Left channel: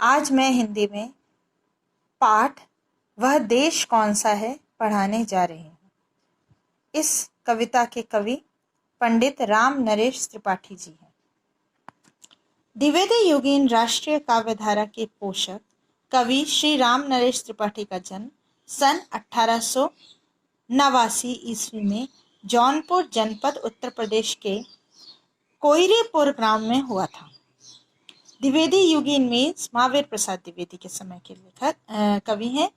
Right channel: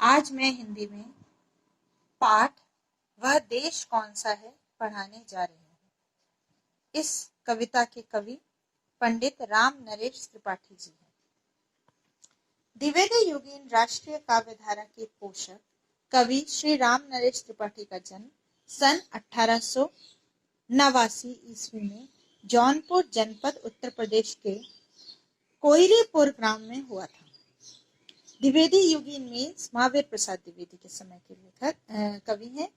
आज मैं हिंदी में पाठ वह देश कौन सा है पढ़ाने जा रही हूँ। इस कविता के कवि पंडित राम नरेश त्रिपाठी जी हैं। द्विवेदी युगीन राष्ट्रीय काव्यधारा के पोषक कवि श्री राम नरेश त्रिपाठी का जन्म सन 1889 ईस्वी में जौनपुर जनपद उत्तर प्रदेश के कोयरीपुर ग्राम में हुआ था। द्विवेदी युगीन में महावीर प्रसाद द्विवेदी के समय के लेखक कवि हैं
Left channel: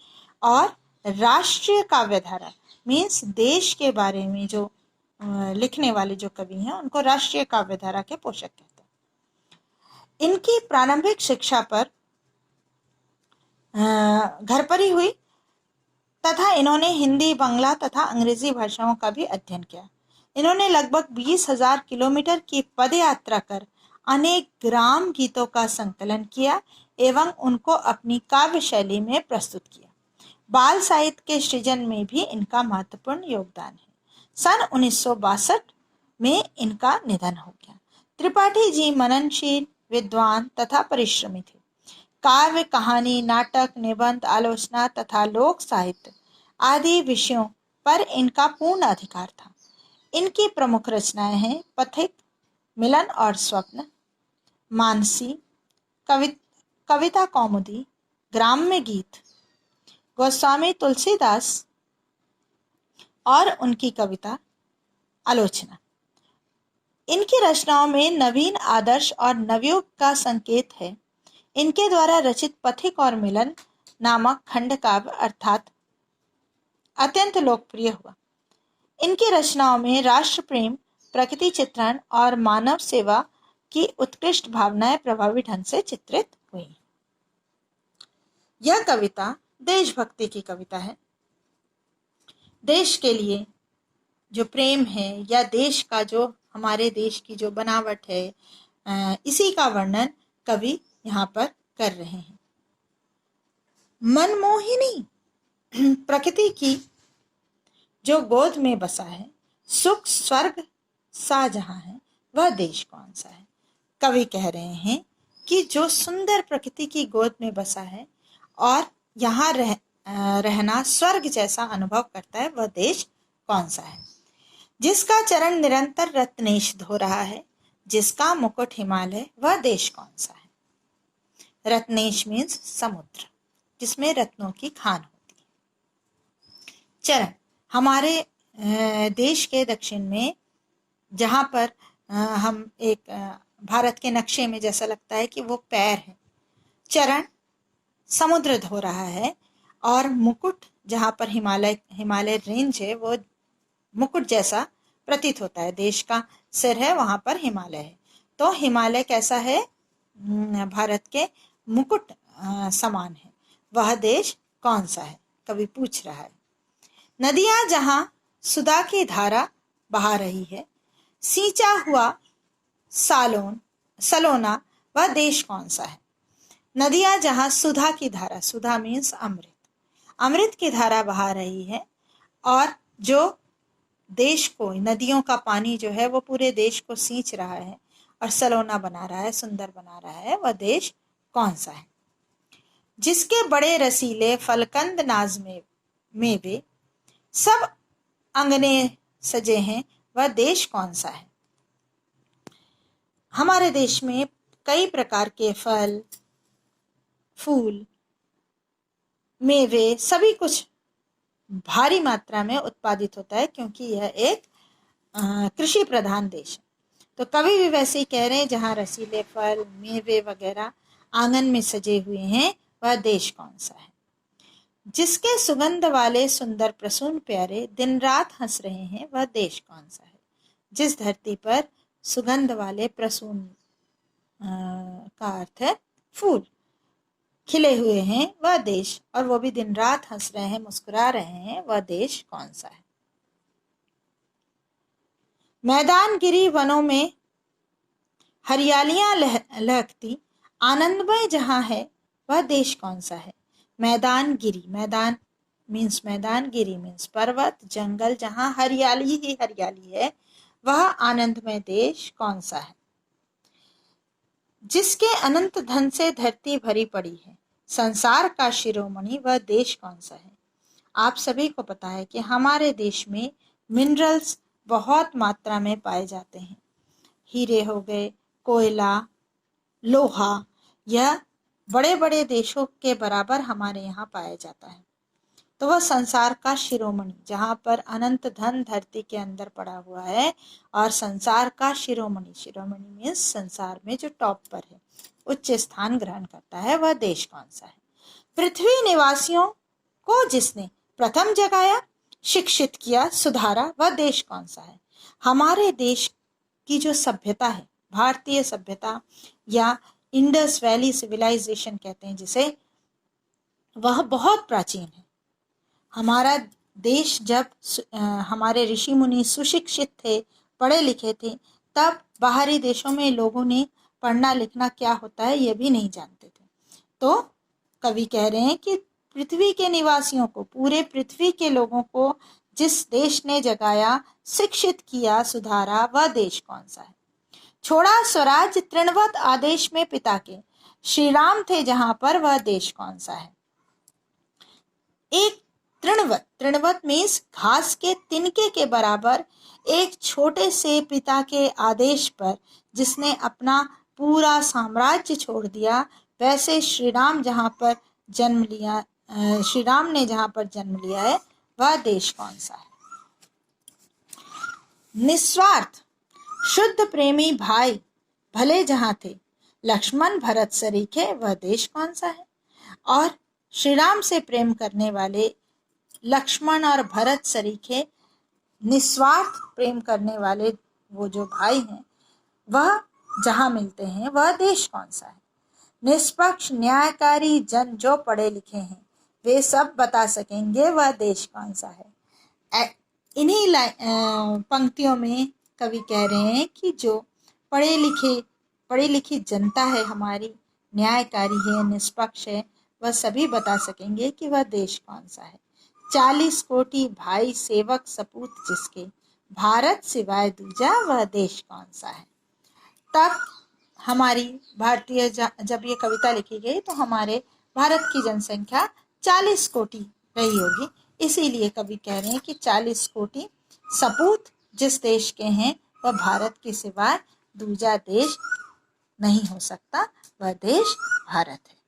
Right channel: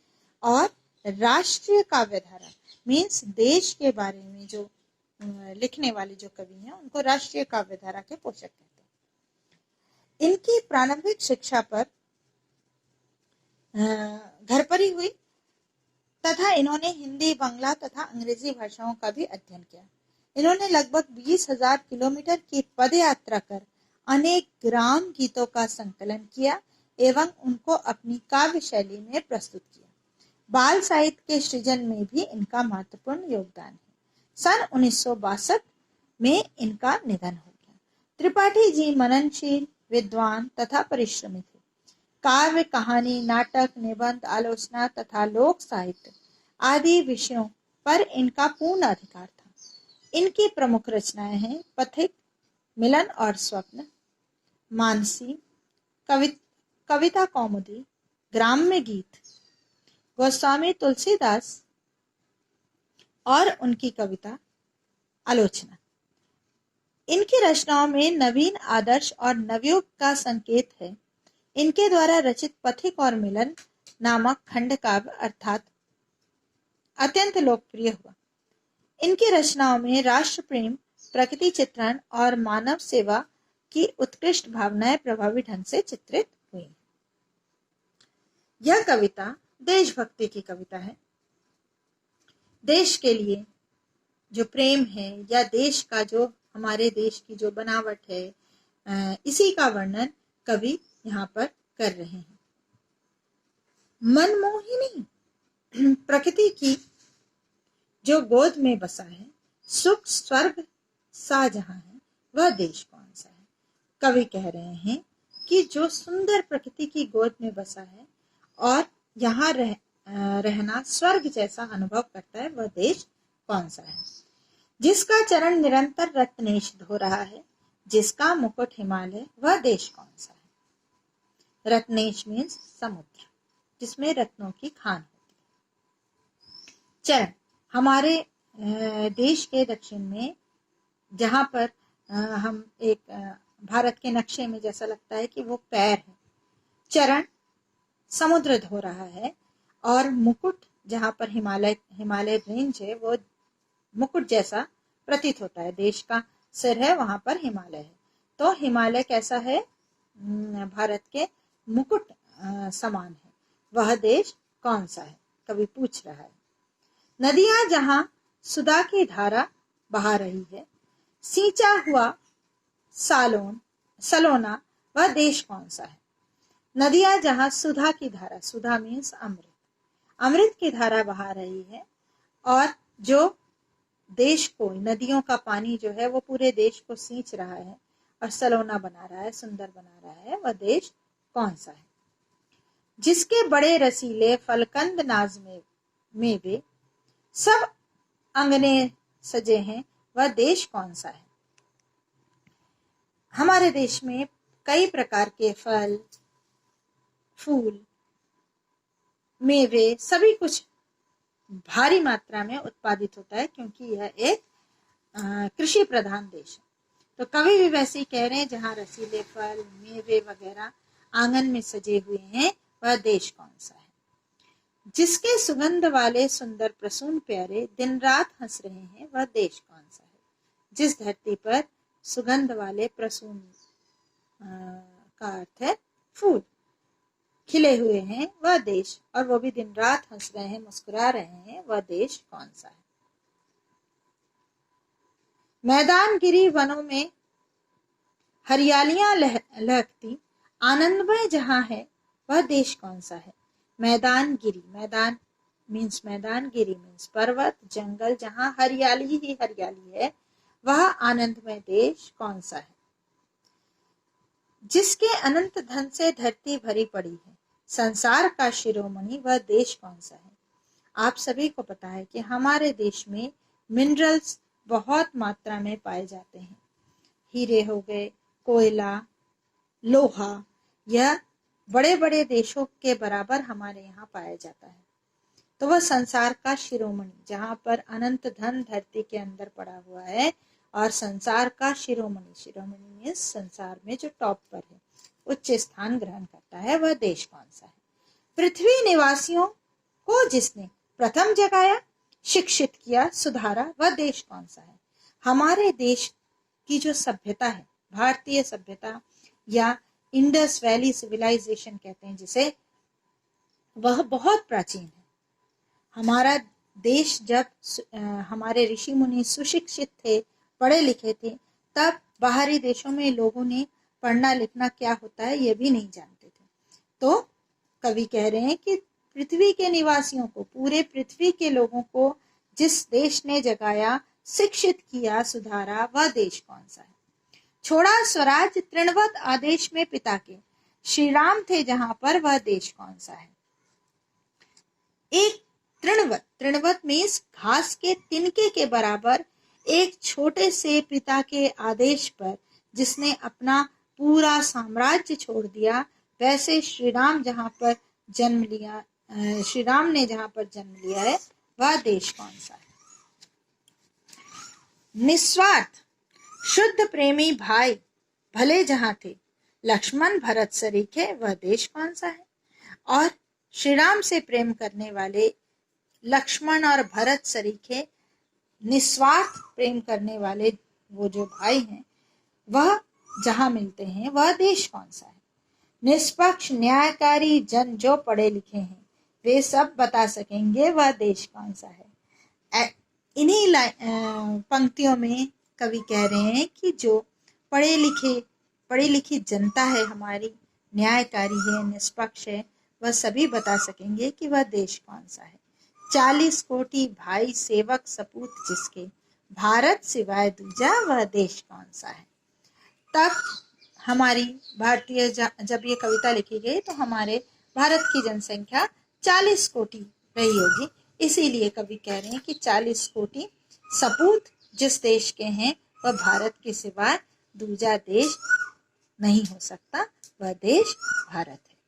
और राष्ट्रीय काव्यधारा मीन्स देश के बारे में जो लिखने वाले जो कवि हैं उनको राष्ट्रीय काव्यधारा के पोषक कहते हैं। इनकी प्रारंभिक शिक्षा पर घर पर ही हुई तथा इन्होंने हिंदी, बांग्ला तथा अंग्रेजी भाषाओं का भी अध्ययन किया। इन्होंने लगभग 20,000 किलोमीटर की पदयात्रा कर अनेक ग्राम गीतों का संकलन किया एवं उनको अपनी काव्य शैली में प्रस्तुत किया। बाल साहित्य के सृजन में भी इनका महत्वपूर्ण योगदान है। सन 1962 में इनका निधन हो गया। त्रिपाठी जी मननशील, विद्वान तथा परिश्रमी थे। काव्य, कहानी, नाटक, निबंध, आलोचना तथा लोक साहित्य आदि विषयों पर इनका पूर्ण अधिकार था। इनकी प्रमुख रचनाएं हैं पथिक, मिलन और स्वप्न, मानसी, कविता कौमुदी, ग्राम्य गीत, गोस्वामी तुलसीदास और उनकी कविता आलोचना। इनकी रचनाओं में नवीन आदर्श और नवयुग का संकेत है। इनके द्वारा रचित पथिक और मिलन नामक खंड काव्य अर्थात अत्यंत लोकप्रिय हुआ। इनकी रचनाओं में राष्ट्र प्रेम, प्रकृति चित्रण और मानव सेवा की उत्कृष्ट भावनाएं प्रभावी ढंग से चित्रित हुई। यह कविता देशभक्ति की कविता है। देश के लिए जो प्रेम है या देश का जो हमारे देश की जो बनावट है, इसी का वर्णन कवि यहाँ पर कर रहे हैं। मनमोहिनी प्रकृति की जो गोद में बसा है, सुख स्वर्ग सा जहां है, वह देश कौन सा है। कवि कह रहे हैं कि जो सुंदर प्रकृति की गोद में बसा है और यहाँ रहना स्वर्ग जैसा अनुभव करता है, वह देश कौन सा है। जिसका चरण निरंतर रत्नेश धो रहा है, जिसका मुकुट हिमालय, वह देश कौन सा है। रत्नेश मीन्स समुद्र जिसमें रत्नों की खान होती है। चरण हमारे देश के दक्षिण में जहां पर हम एक भारत के नक्शे में जैसा लगता है कि वो पैर है। चरण समुद्र धो रहा है और मुकुट जहां पर हिमालय रेंज है वो मुकुट जैसा प्रतीत होता है। देश का सिर है, वहां पर हिमालय है। तो हिमालय कैसा है, भारत के मुकुट समान है। वह देश कौन सा है, कवि पूछ रहा है। नदियां जहां सुधा की धारा बहा रही है, सींचा हुआ सलोना, वह देश कौन सा है। नदियां जहां सुधा की धारा, सुधा मीन्स अमृत की धारा बहा रही है और जो देश को, नदियों का पानी जो है वो पूरे देश को सींच रहा है और सलोना बना रहा है, सुंदर बना रहा है, वह देश कौन सा है। जिसके बड़े रसीले फलकंद नाज में वे सब अंगने सजे हैं, वह देश कौन सा है। हमारे देश में कई प्रकार के फल, फूल, मेवे सभी कुछ भारी मात्रा में उत्पादित होता है क्योंकि यह एक कृषि प्रधान देश है। तो कवि भी वैसे ही कह रहे हैं, जहां रसीले फल, मेवे वगैरह आंगन में सजे हुए हैं, वह देश कौन सा है। जिसके सुगंध वाले सुंदर प्रसून प्यारे दिन रात हंस रहे हैं, वह देश कौन सा है। जिस धरती पर सुगंध वाले प्रसून का अर्थ है फूल खिले हुए हैं, वह देश, और वो भी दिन रात हंस रहे हैं, मुस्कुरा रहे हैं, वह देश कौन सा है। मैदान गिरी वनों में हरियालियां लहकती आनंदमय जहां है, वह देश कौन सा है। मैदान गिरी, मैदान मीन्स मैदान, गिरी मीन्स पर्वत, जंगल, जहां हरियाली ही हरियाली है, वह आनंदमय देश कौन सा है। जिसके अनंत धन से धरती भरी पड़ी है, संसार का शिरोमणि वह देश कौन सा है? आप सभी को पता है कि हमारे देश में मिनरल्स बहुत मात्रा में पाए जाते हैं। हीरे हो गए, कोयला, लोहा, यह बड़े बड़े देशों के बराबर हमारे यहाँ पाया जाता है। तो वह संसार का शिरोमणि, जहाँ पर अनंत धन धरती के अंदर पड़ा हुआ है, और संसार का शिरोमणि, शिरोमणि मीन्स संसार में जो टॉप पर है, उच्च स्थान ग्रहण करता है, वह देश कौन सा है? पृथ्वी निवासियों को जिसने प्रथम जगाया, शिक्षित किया, सुधारा, वह देश कौन सा है? हमारे देश की जो सभ्यता है, भारतीय सभ्यता या इंडस वैली सिविलाइजेशन कहते हैं जिसे, वह बहुत प्राचीन है। हमारा देश जब हमारे ऋषि मुनि सुशिक्षित थे, पढ़े लिखे थे, तब बाहरी देशों में लोगों ने पढ़ना लिखना क्या होता है ये भी नहीं जानते थे। तो कवि कह रहे हैं कि पृथ्वी के निवासियों को, पूरे पृथ्वी के लोगों को जिस देश ने जगाया, शिक्षित किया, सुधारा, वह देश कौन सा है? छोड़ा स्वराज तृणवत आदेश में पिता के, श्री राम थे जहां पर, वह देश कौन सा है? एक तृणवत, तृणवत मीन्स घास के तिनके के बराबर एक छोटे से पिता के आदेश पर जिसने अपना पूरा साम्राज्य छोड़ दिया, वैसे श्री राम जहां पर जन्म लिया, श्री राम ने जहां पर जन्म लिया है, वह देश कौन सा है? निस्वार्थ शुद्ध प्रेमी भाई भले जहां थे, लक्ष्मण भरत सरीखे, वह देश कौन सा है? और श्री राम से प्रेम करने वाले लक्ष्मण और भरत सरीखे, निस्वार्थ प्रेम करने वाले वो जो भाई हैं, वह जहां मिलते हैं, वह देश कौन सा है? निष्पक्ष न्यायकारी जन जो पढ़े लिखे हैं, वे सब बता सकेंगे, वह देश कौन सा है? इन्हीं पंक्तियों में कवि कह रहे हैं कि जो पढ़ी लिखी जनता है हमारी, न्यायकारी है, निष्पक्ष है, वह सभी बता सकेंगे कि वह देश कौन सा है। 40 कोटि भाई सेवक सपूत जिसके, भारत सिवाय दूजा, वह देश कौन सा है? तब हमारी भारतीय जब ये कविता लिखी गई तो हमारे भारत की जनसंख्या 40 कोटि रही होगी। इसीलिए कवि कह रहे हैं कि 40 कोटि सपूत जिस देश के हैं, वह भारत के सिवाय दूजा देश नहीं हो सकता, वह देश भारत है।